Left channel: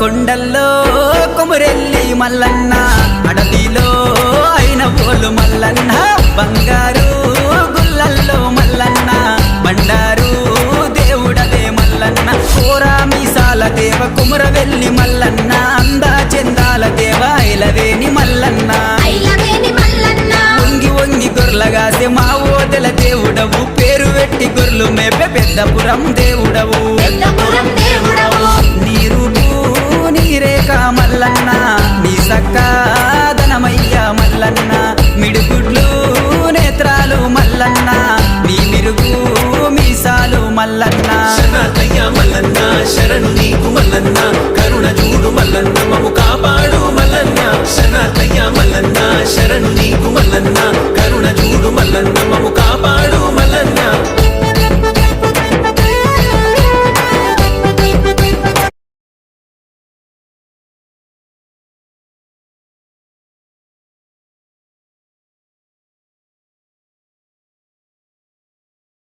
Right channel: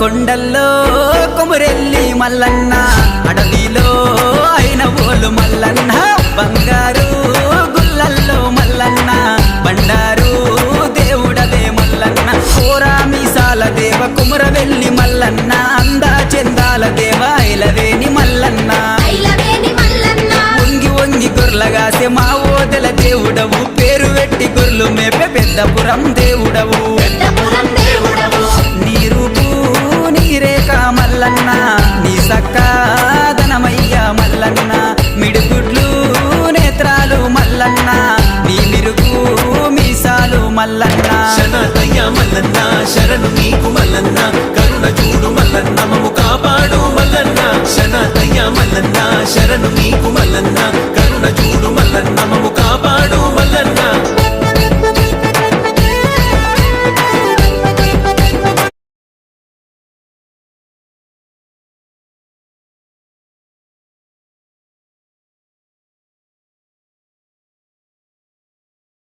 కొండల్లో కొమురెల్లి మల్లన్న అడవిలో అయిన ఓలు మల్లన్న బంగారు గుల్లల్లో మల్లన్న బండారు దేవుడవే మల్లన్న కోరా మీసాల దేవ కుమరవెల్లి మల్లన్న అందా చందాల దేవ ఐలవేని మల్లన్న వంగి వంగి గొర్లగాసే మా ఓదెల దేవుడవు పేరు పెట్టి గొర్లు మేపే పెద్దపురం దేవుడవు నీ రూపు నీరేక మల్లన్న నీ సక్కాదనమయ్య మల్లన్న మిడుగుడ్లు నేత్రాలు మల్లన్న నీ మిరుగు మీసాలు మల్లన్న మల్లన్న శరణు నీకు